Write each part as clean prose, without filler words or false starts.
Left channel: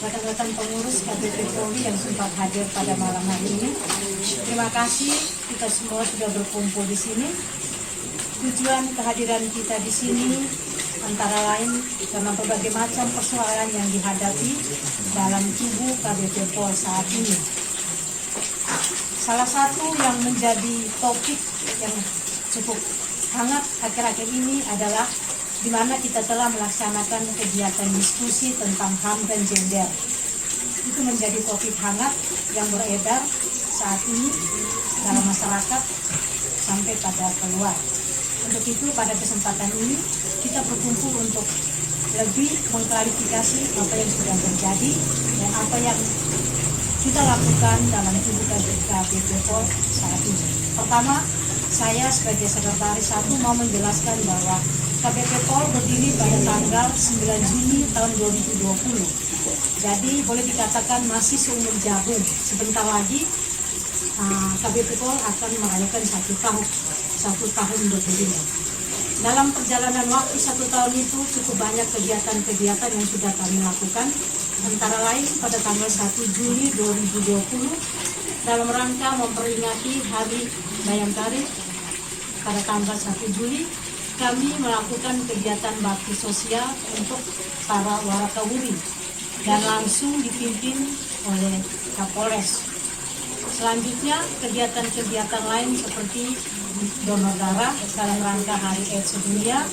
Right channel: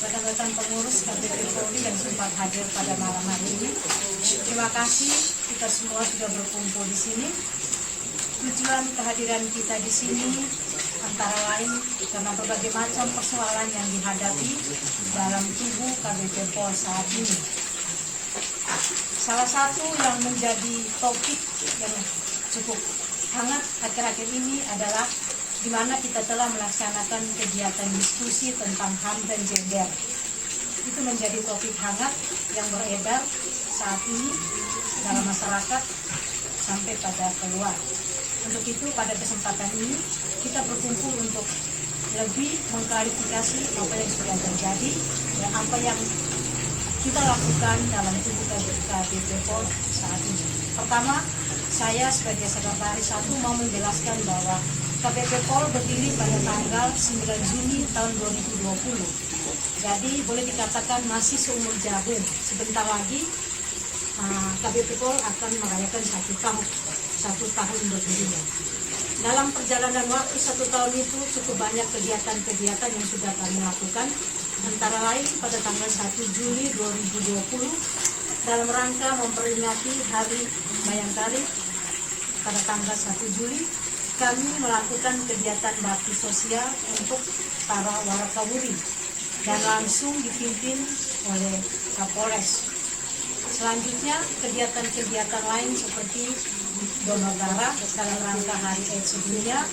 rekan-rekan pengurus KPP Polri yang sempat hadir pada malam hari ini. Terima kasih kita semua sudah berkumpul di sini. Tujuan kehadiran kita di sini antara lain karena berbagai macam persoalan yang dihadapi dalam tubuh KPP Polri saat ini. Salah satu yang menjadi topik yang cukup hangat akhir-akhir ini adalah di mana kita telah melaksanakan kegiatan diskusi tentang HAM dan gender. Itu menjadi topik hangat yang beredar saat ini dalam masyarakat sampai pada keluar. Untuk itu pada kesempatan ini kita berkumpul untuk lebih mengklarifikasi apa yang sudah terjadi dan apa yang kita lakukan dalam tubuh KPP Polri saat ini. Pertama, saya sebagai sekretaris 1 mau menjelaskan bahwa KPP Polri berdiri pada tanggal 9 Juni tahun 2020. Jadi boleh dikatakan masih seumur jagung. Sebentar lagi KPP Polri akan merayakan 1 tahun berdirinya. Dalam perjalanan waktu 1 tahun itu cukup banyak kegiatan-kegiatan yang sudah kami lakukan. Antara lain pada tanggal 1 Juli 2020 dalam rangka memperingati Hari Bayangkari pada tanggal 1 Juli kami melakukan kegiatan bakti sosial untuk para warakawuri dan langsung dipimpin oleh Kapolres. Selanjutnya kegiatan-kegiatan lain seperti donor darah dalam rangka Hari AIDS Sedunia,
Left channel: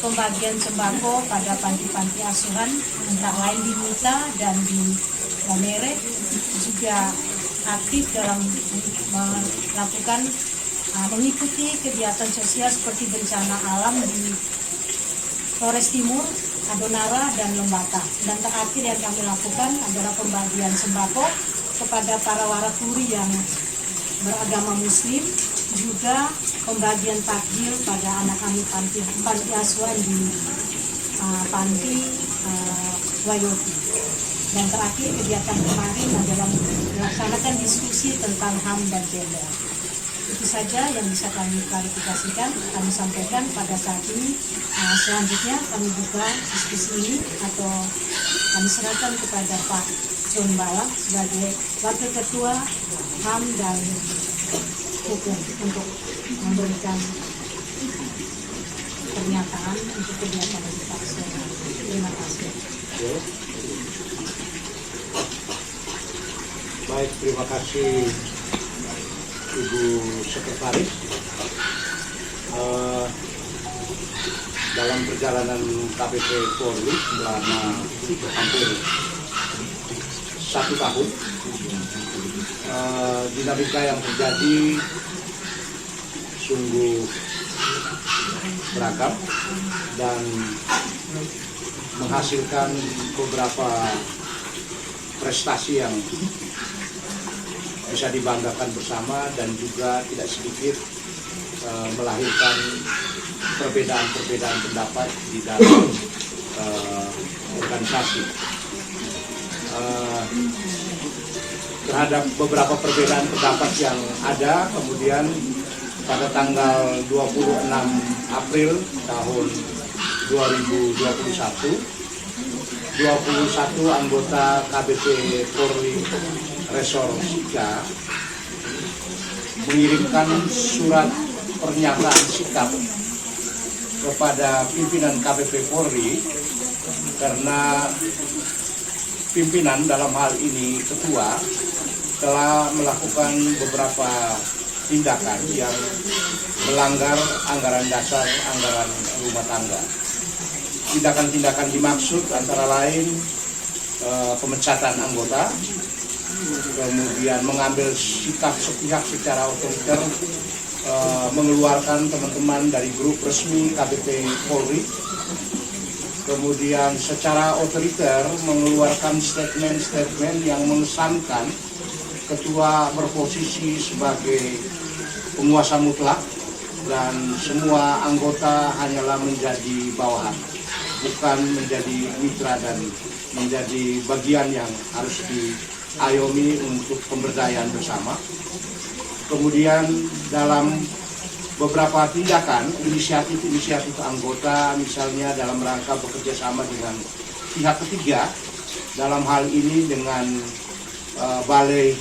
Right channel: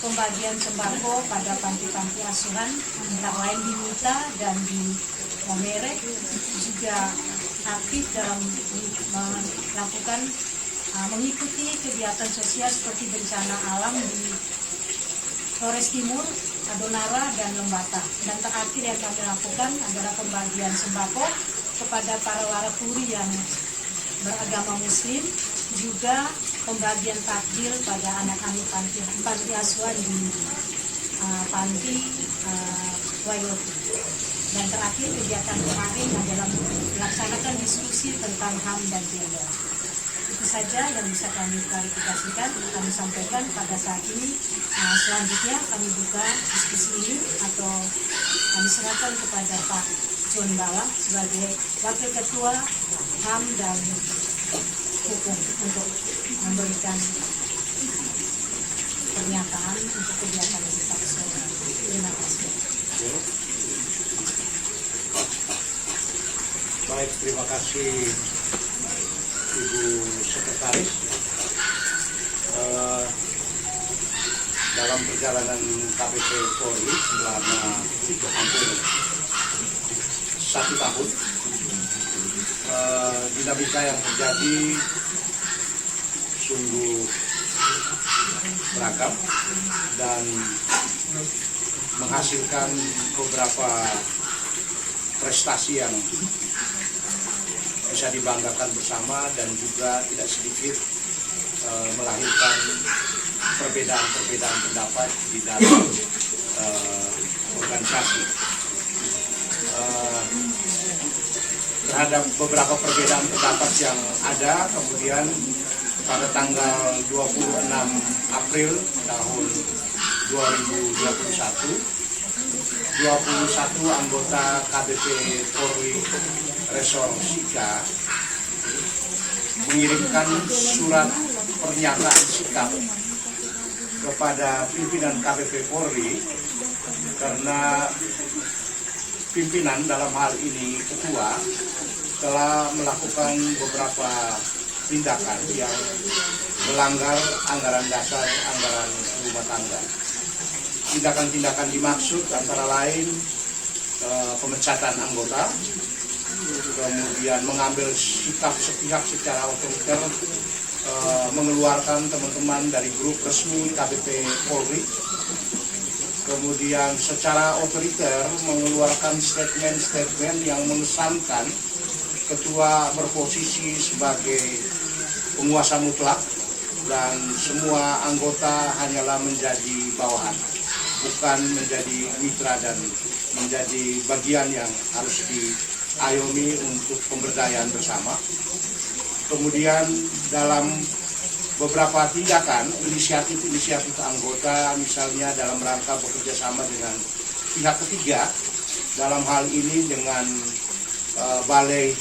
pembagian sembako pada panti-panti asuhan antara lain di Mita dan di Omere, juga aktif dalam melakukan mengikuti kegiatan sosial seperti bencana alam di Flores Timur, Adonara, dan Lembata. Dan terakhir yang kami lakukan adalah pembagian sembako kepada para warakuri yang beragama Muslim, juga pembagian takjil pada anak-anak panti asuhan di panti Wayoti. Dan terakhir kegiatan kemarin adalah melaksanakan diskusi tentang HAM dan gender. Itu saja yang bisa kami klarifikasikan, kami sampaikan pada saat ini. Selanjutnya kami buka diskusi ini atau kami serahkan kepada Pak John Bala sebagai Wakil Ketua HAM dan Hukum untuk memberikan pernyataan untuk kegiatan kita semua. Terima kasih. Baik, terima kasih Ibu Sekretaris. Dalam perjalanan KPP Polri selama hampir 1 tahun, dinamika yang terjadi sungguh beragam dan menghasilkan beberapa prestasi yang bisa dibanggakan bersama dan juga tidak sedikit melahirkan perbedaan-perbedaan pendapat di dalam organisasi. Terhadap beberapa perbedaan pendapat yang ada, kemudian pada tanggal 26 April tahun 2021, 21 anggota KPP Polri Resor Sika mengirimkan surat pernyataan sikap kepada pimpinan KPP Polri karena pimpinan dalam hal ini ketua telah melakukan beberapa tindakan yang melanggar anggaran dasar anggaran rumah tangga. Tindakan-tindakan dimaksud antara lain pemecatan anggota, kemudian mengambil sikap sepihak secara otoriter, mengeluarkan teman-teman dari grup resmi KPP Polri, kemudian secara otoriter mengeluarkan statement-statement yang mengesankan ketua berposisi sebagai penguasa mutlak dan semua anggota hanyalah menjadi bawahan, bukan menjadi mitra dan menjadi bagian yang harus diayomi untuk pemberdayaan bersama. Kemudian dalam beberapa tindakan, inisiatif anggota misalnya dalam rangka bekerja sama dengan pihak ketiga dalam hal ini dengan Balai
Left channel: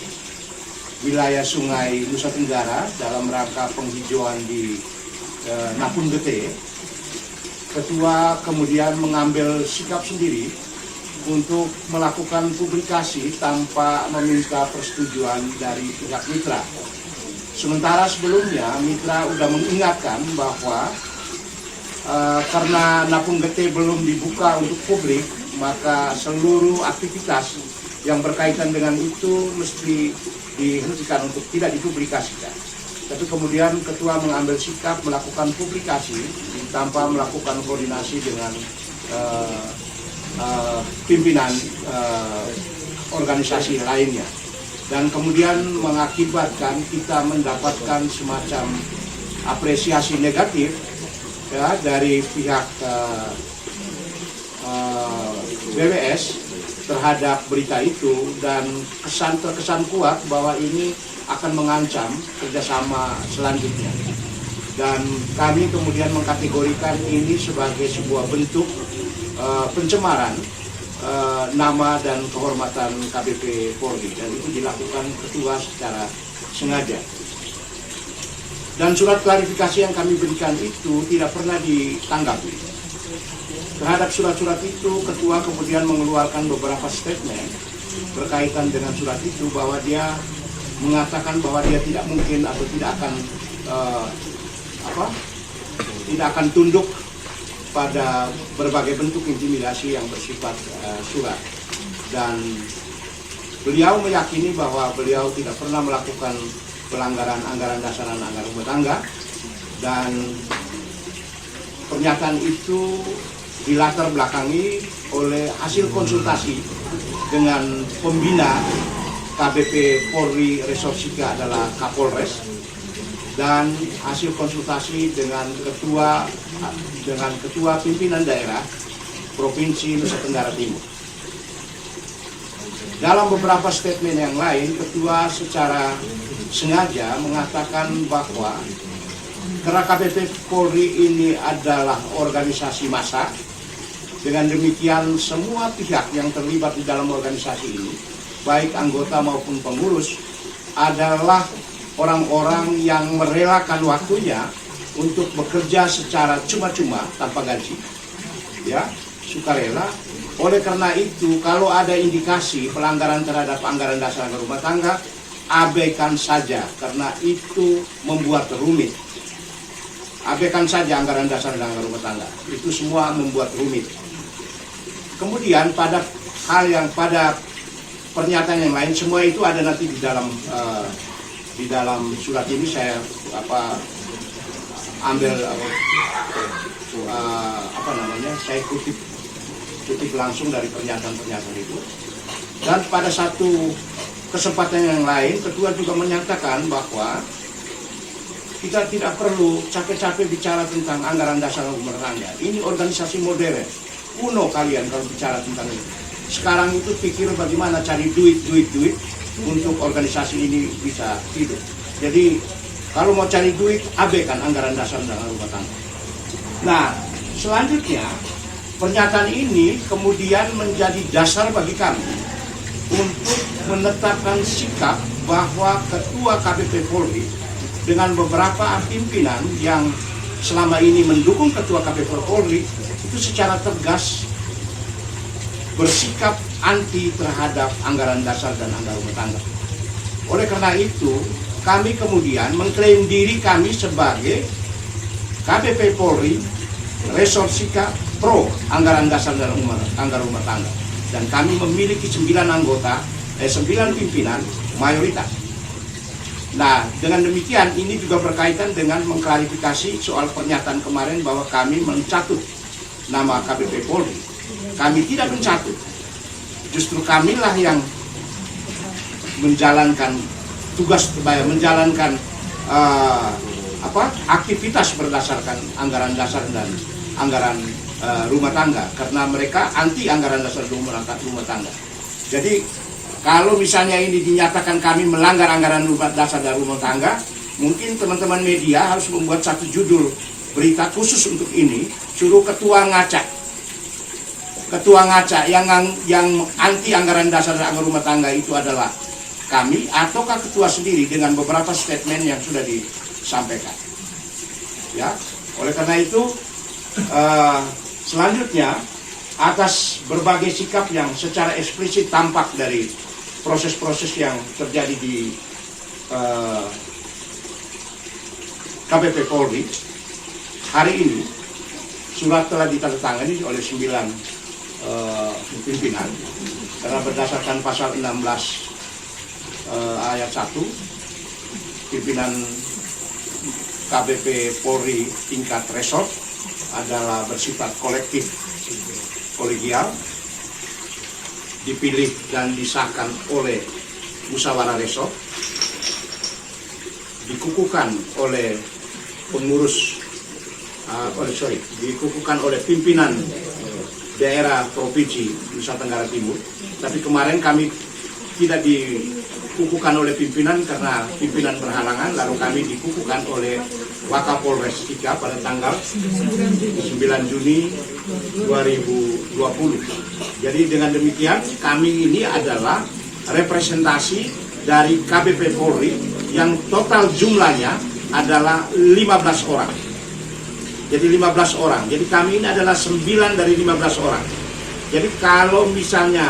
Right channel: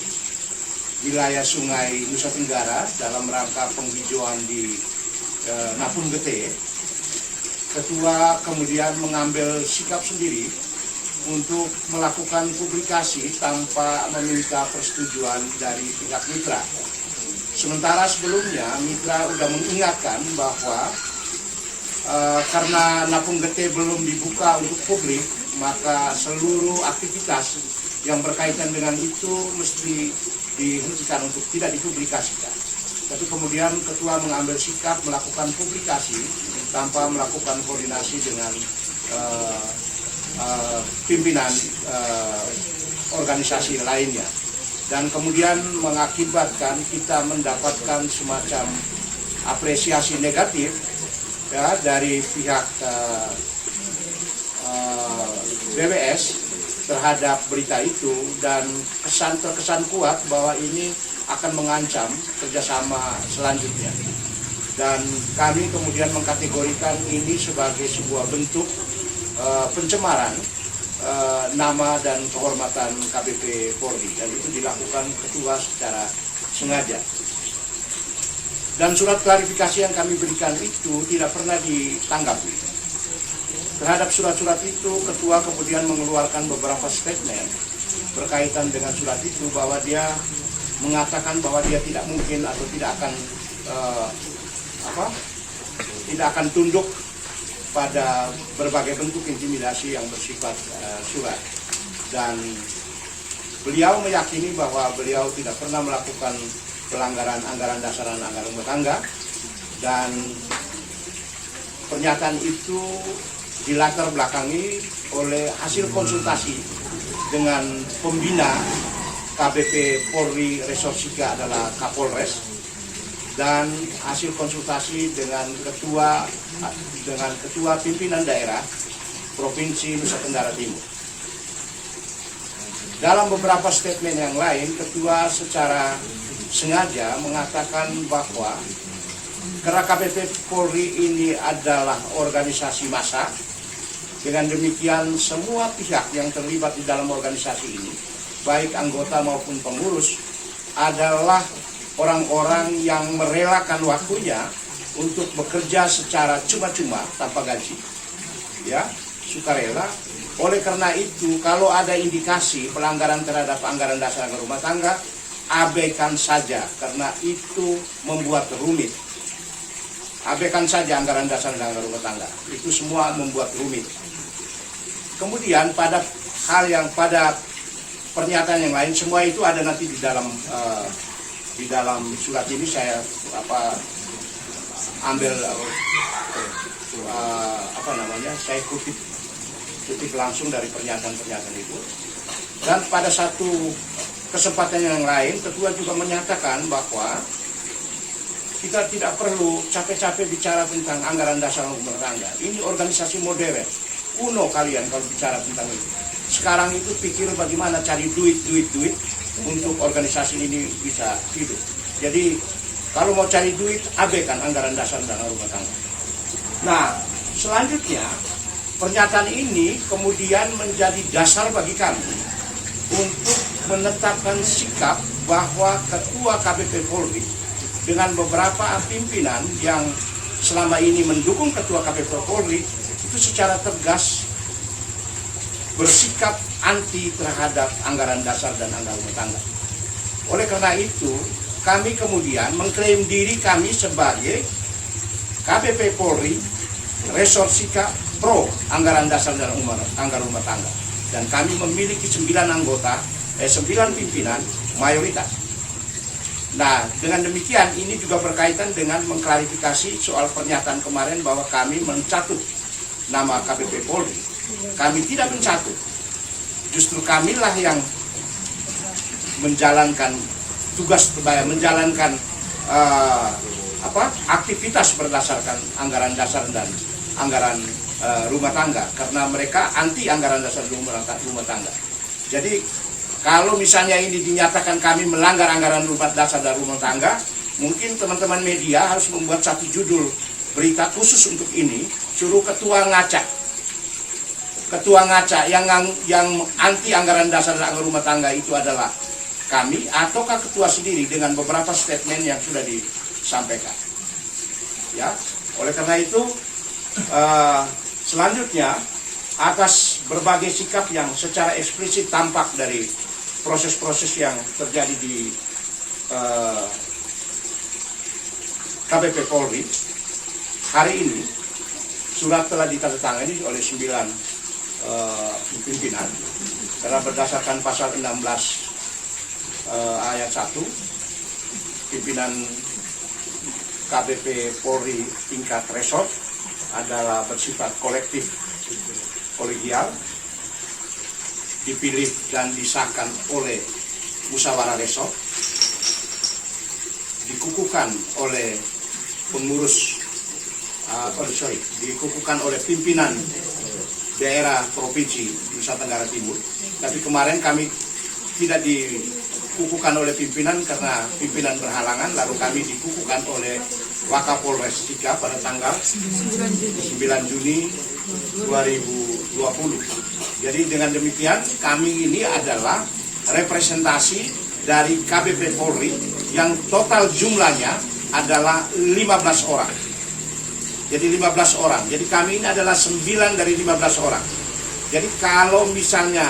Wilayah Sungai Nusa Tenggara dalam rangka penghijauan di Napung Gede, Ketua kemudian mengambil sikap sendiri untuk melakukan publikasi tanpa meminta persetujuan dari pihak mitra. Sementara sebelumnya mitra sudah mengingatkan bahwa karena Napung Gede belum dibuka untuk publik, maka seluruh aktivitas yang berkaitan dengan itu mesti dihentikan untuk tidak dipublikasikan. Tapi kemudian Ketua mengambil sikap melakukan publikasi tanpa melakukan koordinasi dengan pimpinan organisasi lainnya, dan kemudian mengakibatkan kita mendapatkan semacam apresiasi negatif ya, dari pihak BWS terhadap berita itu, dan terkesan kuat bahwa ini akan mengancam kerjasama selanjutnya. Dan kami kemudian mengkategorikan ini sebagai sebuah bentuk pencemaran nama dan kehormatan KBP Polri, dan itu dilakukan Ketua secara sengaja. Dan surat klarifikasi yang kami berikan itu tidak pernah ditanggapi. Terhadap surat-surat itu, Ketua kemudian mengeluarkan beberapa statement berkaitan dengan surat itu, bahwa dia mengatakan bahwa dia tidak mungkin atau tidak akan tunduk pada berbagai bentuk intimidasi yang bersifat surat. Dan beliau meyakini bahwa beliau tidak pernah melakukan pelanggaran anggaran dasar dan anggaran rumah tangga, dan pernyataan itu dilatar belakangi oleh hasil konsultasi dengan pembina KBP Polri Resort Sika adalah Kapolres, dan hasil konsultasi dengan ketua pimpinan daerah Provinsi Nusa Tenggara Timur. Dalam beberapa statement yang lain, Ketua secara sengaja mengatakan bahwa karena KBP Polri ini adalah organisasi massa, dengan demikian semua pihak yang terlibat di dalam organisasi ini, baik anggota maupun pengurus, adalah orang-orang yang merelakan waktunya untuk bekerja secara cuma-cuma tanpa gaji, ya, sukarela. Oleh karena itu, kalau ada indikasi pelanggaran terhadap anggaran dasar anggaran rumah tangga, abaikan saja, karena itu membuat rumit. Abaikan saja anggaran dasar dan anggaran rumah tangga, itu semua membuat rumit. Kemudian pada pernyataan yang lain, semua itu ada nanti di dalam surat ini. Saya saya kutip langsung dari pernyataan itu. Dan pada satu kesempatan yang lain, Ketua juga menyatakan bahwa kita tidak perlu capek-capek bicara tentang anggaran dasar rumah tangga. Ini organisasi modern, kuno kalian kalau bicara tentang itu. Sekarang itu pikir bagaimana cari duit untuk organisasi ini bisa hidup. Jadi kalau mau cari duit, abaikan anggaran dasar dan rumah tangga. Nah, selanjutnya pernyataan ini kemudian menjadi dasar bagi kami untuk menetapkan sikap bahwa Ketua KBP Polri dengan beberapa pimpinan yang selama ini mendukung Ketua KBP Polri itu secara tegas bersikap anti terhadap anggaran dasar dan anggaran rumah tangga. Oleh karena itu, kami kemudian mengklaim diri kami sebagai KBP Polri Resort Sika Pro anggaran dasar dan anggaran rumah tangga. Dan kami memiliki 9 pimpinan mayoritas. Nah, dengan demikian ini juga berkaitan dengan mengklarifikasi soal pernyataan kemarin bahwa kami mencatut nama KBP Polri. Kami tidak mencatut. Justru kamilah yang menjalankan tugas, menjalankan aktivitas berdasarkan anggaran dasar dan anggaran rumah tangga, karena mereka anti anggaran dasar rumah tangga. Jadi kalau misalnya ini dinyatakan kami melanggar anggaran dasar dan rumah tangga, mungkin teman-teman media harus membuat satu judul berita khusus untuk ini, suruh Ketua ngacak. ketua ngaca yang anti anggaran dasar dan anggaran rumah tangga itu adalah kami, ataukah ketua sendiri dengan beberapa statement yang sudah disampaikan. Ya, oleh karena itu selanjutnya atas berbagai sikap yang secara eksplisit tampak dari proses-proses yang terjadi di KPP Polri, hari ini surat telah ditandatangani oleh 9 pimpinan karena berdasarkan pasal 16 ayat 1, pimpinan KPP Polri tingkat resort adalah bersifat kolektif kolegial, dipilih dan disahkan oleh musyawarah resort, dikukuhkan oleh pengurus dikukuhkan oleh pimpinan daerah provinsi Nusa Tenggara Timur. Tapi kemarin kami tidak dikukuhkan oleh pimpinan karena pimpinan berhalangan, lalu kami dikukuhkan oleh Wakapolres Sika pada tanggal 9 Juni 2020. Jadi dengan demikian kami ini adalah representasi dari KPP Polri yang total jumlahnya adalah 15 orang. Jadi 15 orang. Jadi kami ini adalah 9 dari 15 orang. Jadi kalau misalnya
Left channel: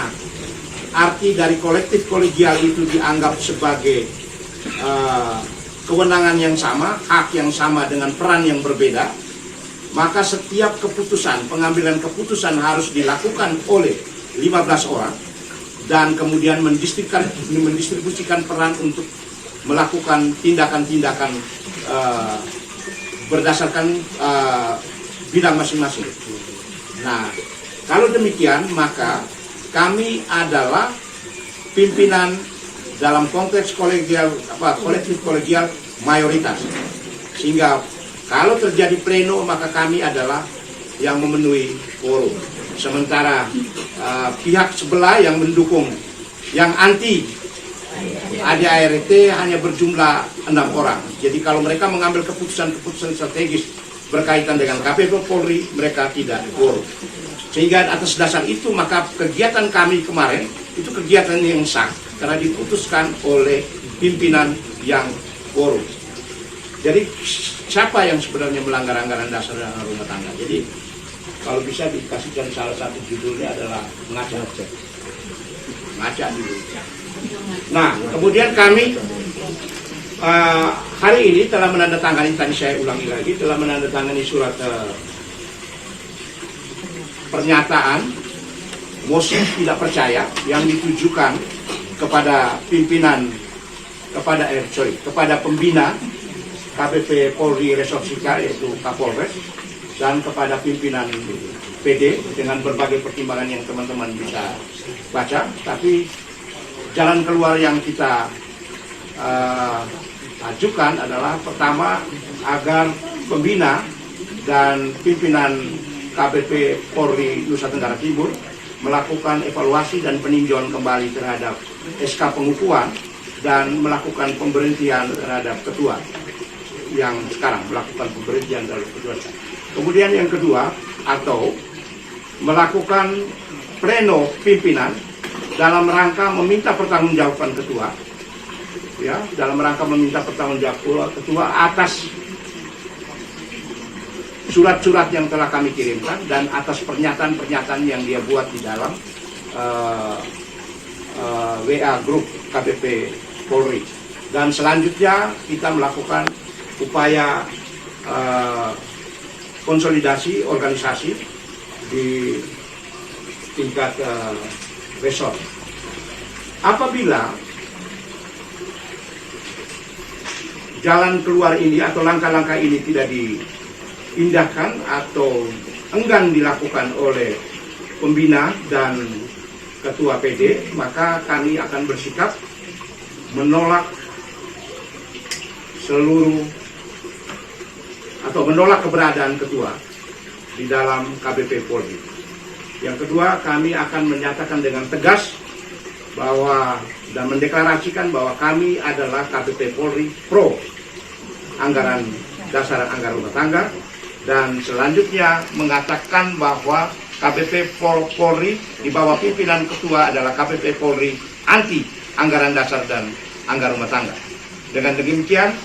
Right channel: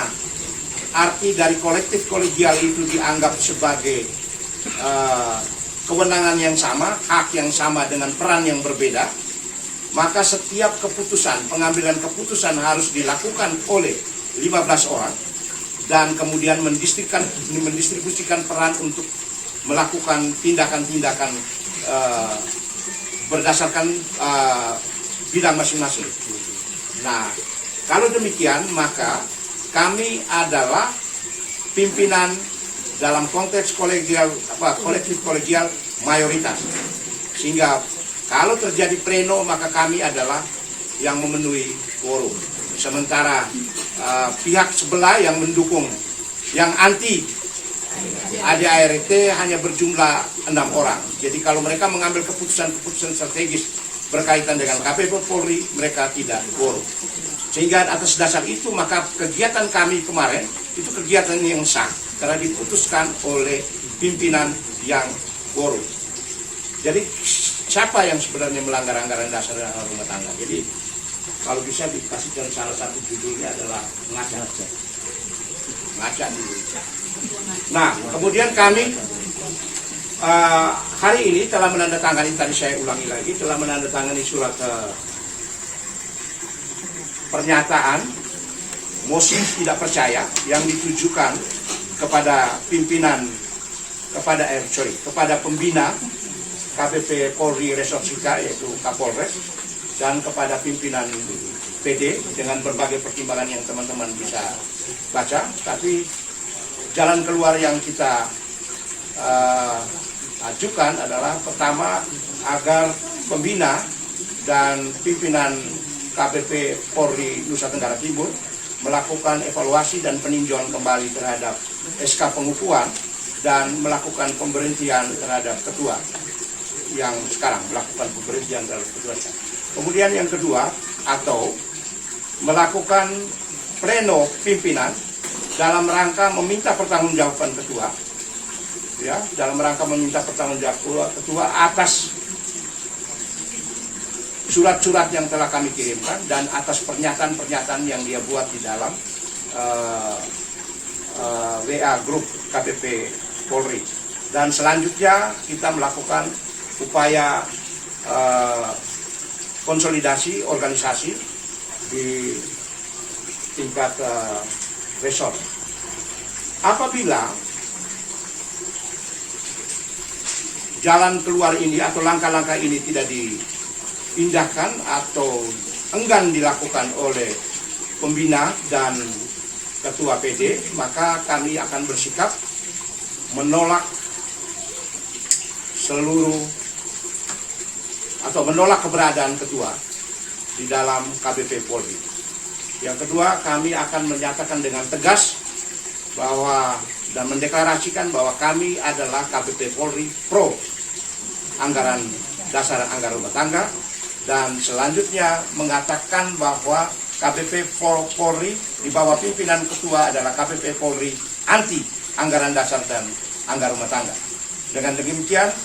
arti dari kolektif kolegial itu dianggap sebagai kewenangan yang sama, hak yang sama dengan peran yang berbeda, maka setiap keputusan, pengambilan keputusan harus dilakukan oleh 15 orang dan kemudian mendistribusikan peran untuk melakukan tindakan-tindakan berdasarkan bidang masing-masing. Nah, kalau demikian maka kami adalah pimpinan dalam konteks kolegial kolektif kolegial mayoritas. Sehingga kalau terjadi pleno maka kami adalah yang memenuhi quorum. Sementara pihak sebelah yang mendukung, yang anti ADART hanya berjumlah 6 orang. Jadi kalau mereka mengambil keputusan-keputusan strategis berkaitan dengan KPP Polri, mereka tidak quorum. Sehingga atas dasar itu maka kegiatan kami kemarin itu kegiatan yang sah karena diputuskan oleh pimpinan yang quorum. Jadi siapa yang sebenarnya melanggar anggaran dasar dan anggaran rumah tangga? Jadi kalau bisa dikasihkan salah satu judulnya adalah ngaca dulu. Nah, kemudian kami hari ini telah menandatangani, tadi saya ulangi lagi, telah menandatangani surat pernyataan mosi tidak percaya yang ditujukan kepada kepada pembina KPP Polri Resort Sika yaitu Kapolres dan kepada pimpinan PD dengan berbagai pertimbangan yang teman-teman bisa baca. Tapi jalan keluar yang kita ajukan adalah pertama agar pembina dan pimpinan KPP Polri Nusa Tenggara Timur melakukan evaluasi dan peninjauan kembali terhadap SK pengukuhan dan melakukan pemberhentian terhadap ketua yang sekarang melakukan pemberhentian terhadap ketua. Kemudian yang kedua, atau melakukan pleno pimpinan dalam rangka meminta pertanggungjawaban ketua, ya, dalam rangka meminta pertanggungjawaban ketua atas surat-surat yang telah kami kirimkan dan atas pernyataan-pernyataan yang dia buat di dalam WA grup KPP Polri. Dan selanjutnya kita melakukan upaya konsolidasi organisasi di tingkat resort. Apabila jalan keluar ini atau langkah-langkah ini tidak diindahkan atau enggan dilakukan oleh pembina dan ketua PD, maka kami akan bersikap menolak seluruh atau menolak keberadaan ketua di dalam KPP Polri. Yang kedua, kami akan menyatakan dengan tegas bahwa dan mendeklarasikan bahwa kami adalah KPP Polri pro anggaran dasar anggaran rumah tangga, dan selanjutnya mengatakan bahwa KPP Polri di bawah pimpinan ketua adalah KPP Polri anti anggaran dasar dan anggaran rumah tangga. Dengan demikian,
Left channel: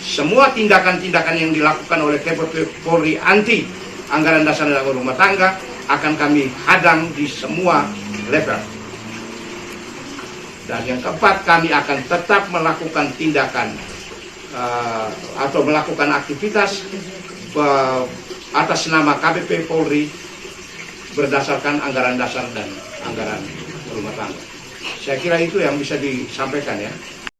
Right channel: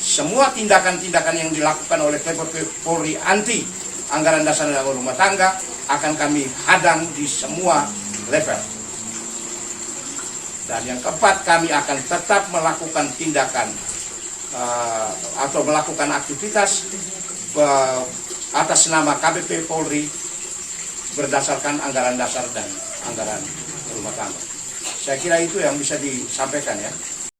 semua tindakan-tindakan yang dilakukan oleh KPP Polri anti anggaran dasar dan anggaran rumah tangga akan kami hadang di semua level. Dan yang keempat, kami akan tetap melakukan tindakan atau melakukan aktivitas atas nama KPP Polri berdasarkan anggaran dasar dan anggaran rumah tangga. Saya kira itu yang bisa disampaikan ya.